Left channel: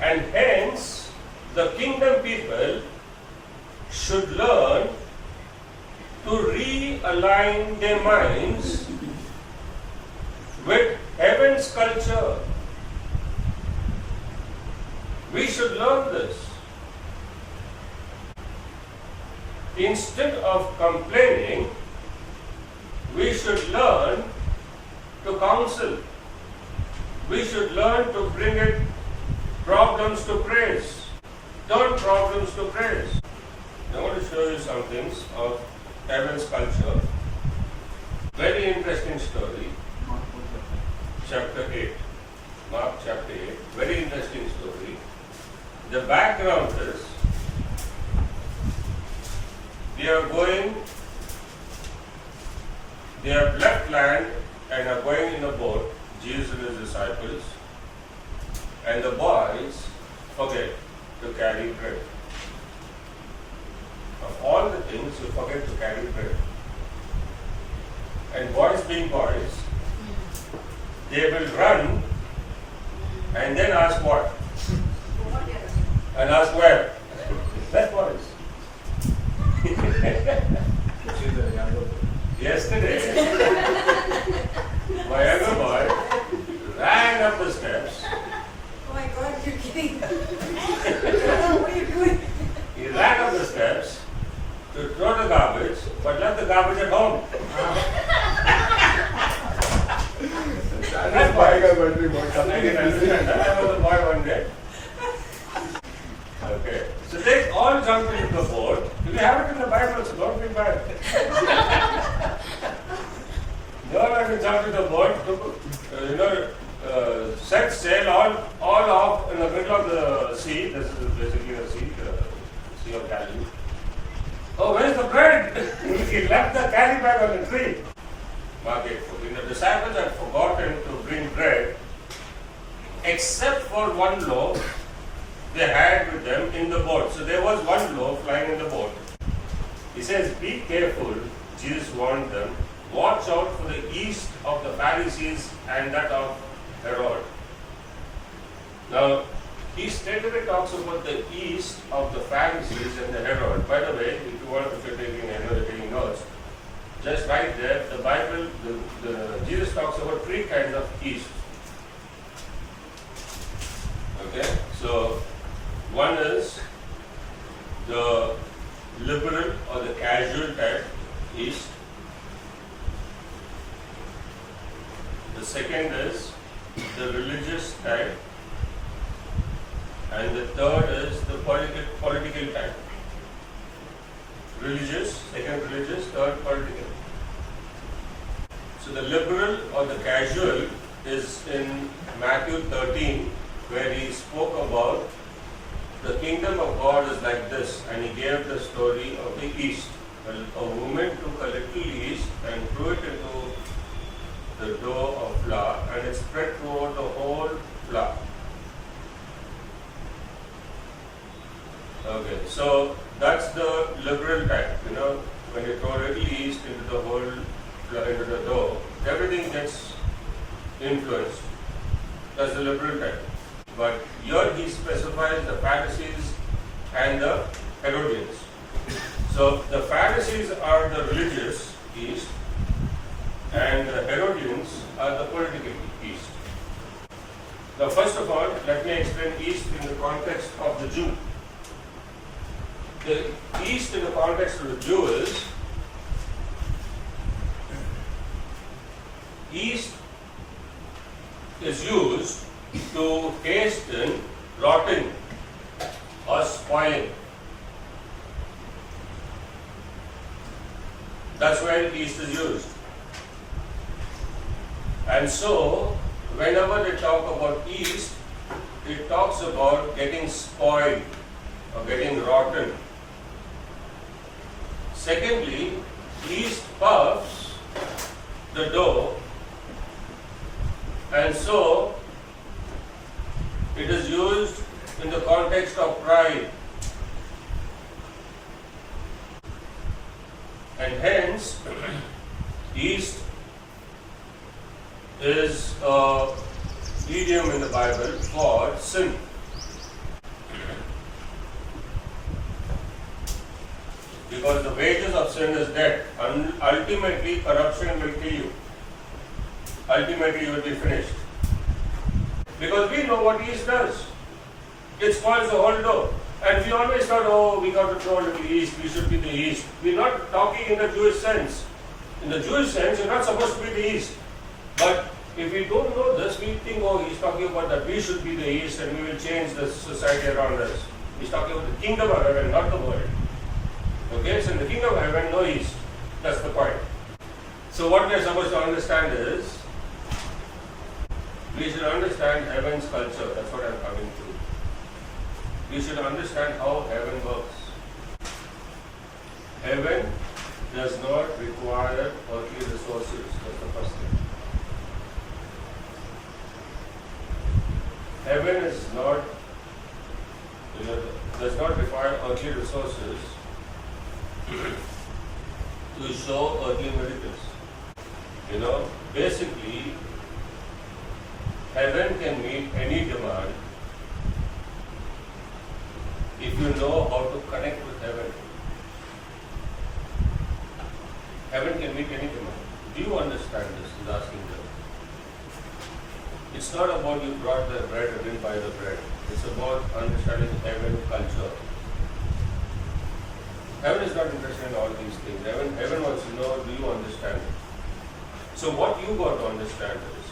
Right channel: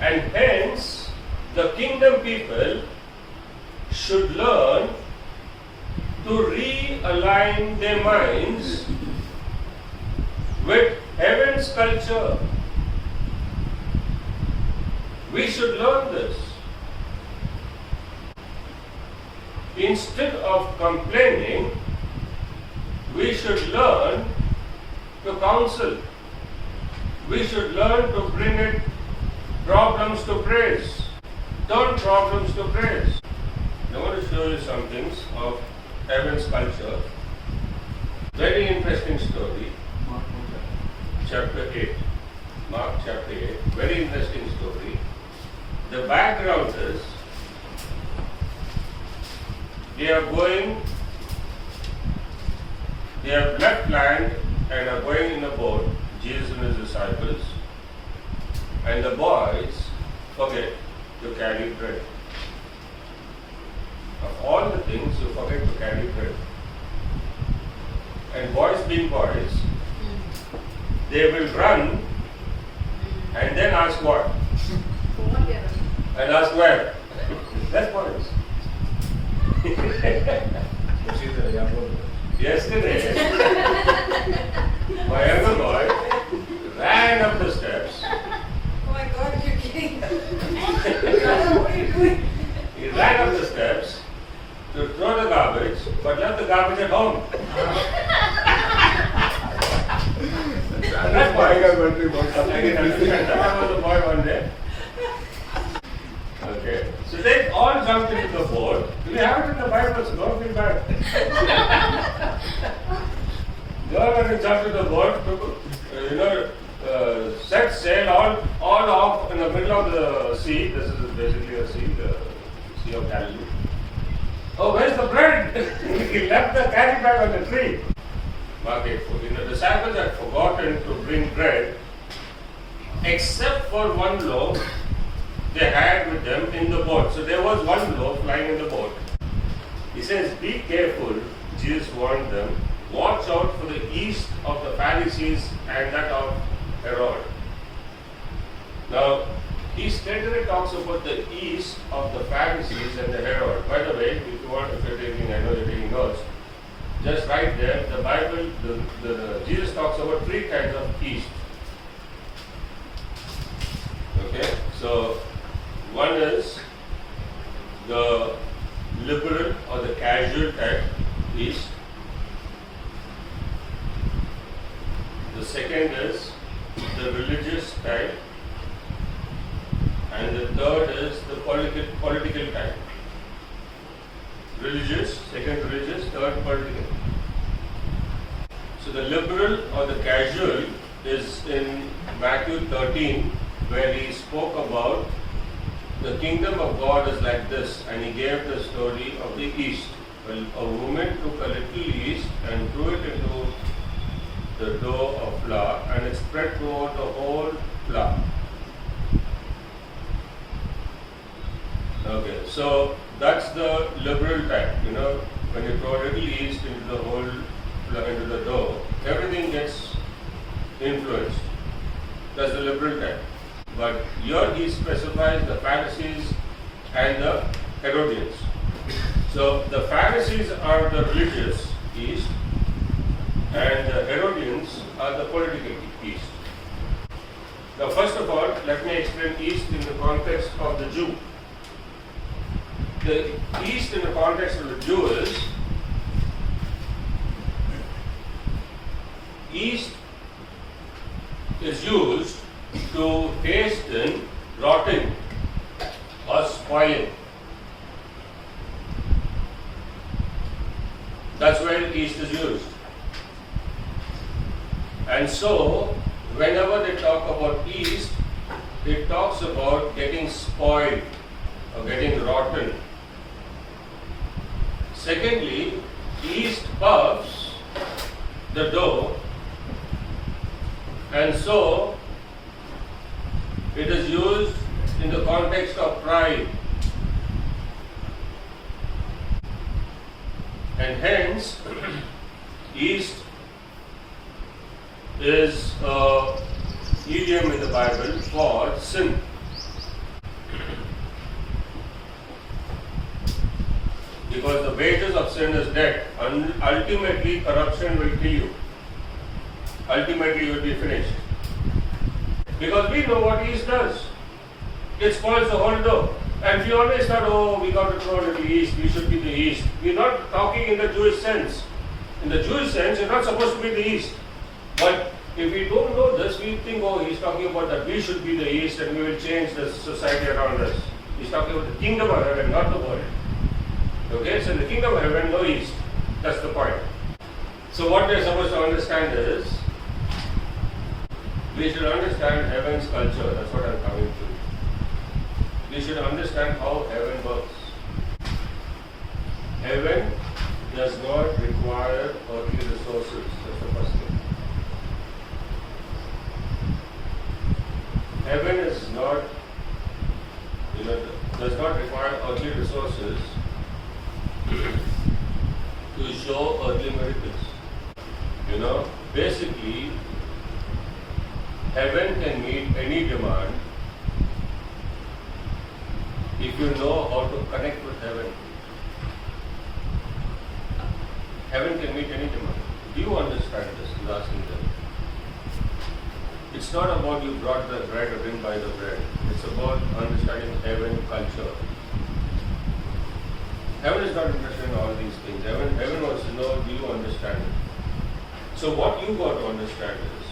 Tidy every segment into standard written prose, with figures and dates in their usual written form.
And hence, the kingdom people should learn to realign their minds with heaven's culture. We should learn this. Instead of complaining, we should learn to counsel. We should learn to bring it problems to praise. Turn problems to praise. I want to show you some things of heaven's culture. Very interesting story. Chapter 8. Mark chapter 8. Very interesting story. The background is they have left land and are going in a boat, Jesus and his disciples, and the boys forget to carry bread. Of all the things, you forget to carry bread. And boys being boys, they will run and then ask what? And ask where? That's boys. Yesterday, my younger boy ran up the steps. Oh my God, you're kidding. What are you doing? He ran up the steps to throw the garbage, but left the garbage at home. That's why I got wondering about something. I can understand. That was the boy one day. Okay. So they all jumped into the boat. We have it in the Bible, so don't feel bad. They all went and jumped into the boat, set sail all off in the middle of the sea. This is basically a sea, the Sea of Galilee. Oh, where's the bread? He left the carry bag on the tree. Mark 8:14. The disciples had forgotten to bring bread, except for one loaf they had with them in the boat. So there was one loaf lying in the boat. He says, be careful, Jesus warned them, watch out for the yeast of the Pharisees and that of Herod. Now, he straightaway talks about the yeast of the Pharisees and the Herod. By the way, if you want, if you're taking, I know you're taking notes, just right there, the Bible, Jesus talks about three kinds of yeast. Okay, so one is the liberal or the casual type yeast. The second is the religious type. And the third is the political type. Religious, second religious, third political. So the liberal or the casual is in Matthew 13, where he spoke about the kingdom of God is like this, and he gave the story of the yeast. A woman took a little yeast and threw it into the dough of flour, and it spread throughout the whole flour. Okay, so that's the liberal type. When you throw a little yeast into the whole into the dough, everything gets influenced. That's the liberal type. But here he specifies the Pharisees and the Herodians. So the Pharisees are the religious yeast, and the Herodians are the political yeast. Now, first of all, let me explain yeast in the context of the Jew. The yeast in the context of the Jew is yeast is used to hasten rotting or spoiling. That's when yeast is used. And so, whenever they talk about yeast, it talks about getting spoiled or getting rotten. Secondly, yeast puffs the dough, and so it is used in the context of pride. And hence, yeast is an idiom in the Bible for sin. Because the wages of sin is death. And ultimately, corruption will kill you. Ultimately, you will be finished. Because we know what yeast does. It spoils the whole dough. And we always thought, oh, we got to throw a little yeast, we should be the yeast. We're not talking in the Jewish sense. In the Jewish sense, you're not supposed to be the yeast. But if we don't know this, we think, oh, he's talking about that we should be the yeast and we will change the society around us. He's talking about the kingdom of heaven, not the world. Okay, so in the kingdom of heaven, no yeast. That's the point. So what we are supposed to understand is, we should understand heaven's culture. That's what I'm coming to. We should understand how heaven works. Heaven does not require earthly resources. That's the first thing. Heaven is not, does not require earthly resources to show earthly miracles. Basically, heaven can meet any demand if you know how to connect with heaven. Heaven can meet any demand. Do you understand this? He's asking them. It's not about you brought the bread or didn't buy the bread. It's about understanding heaven culture. Heaven is not interested in all these things. Heaven wants to know, do you understand it? So what you got to understand is,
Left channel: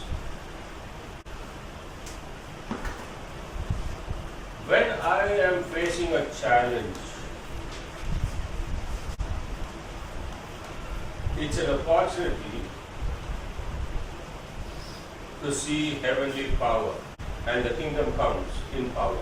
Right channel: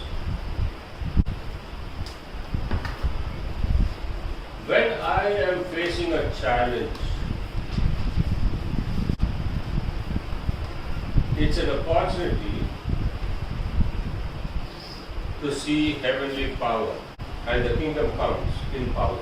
when I am facing a challenge, it's an opportunity to see heavenly power, and the kingdom comes in power.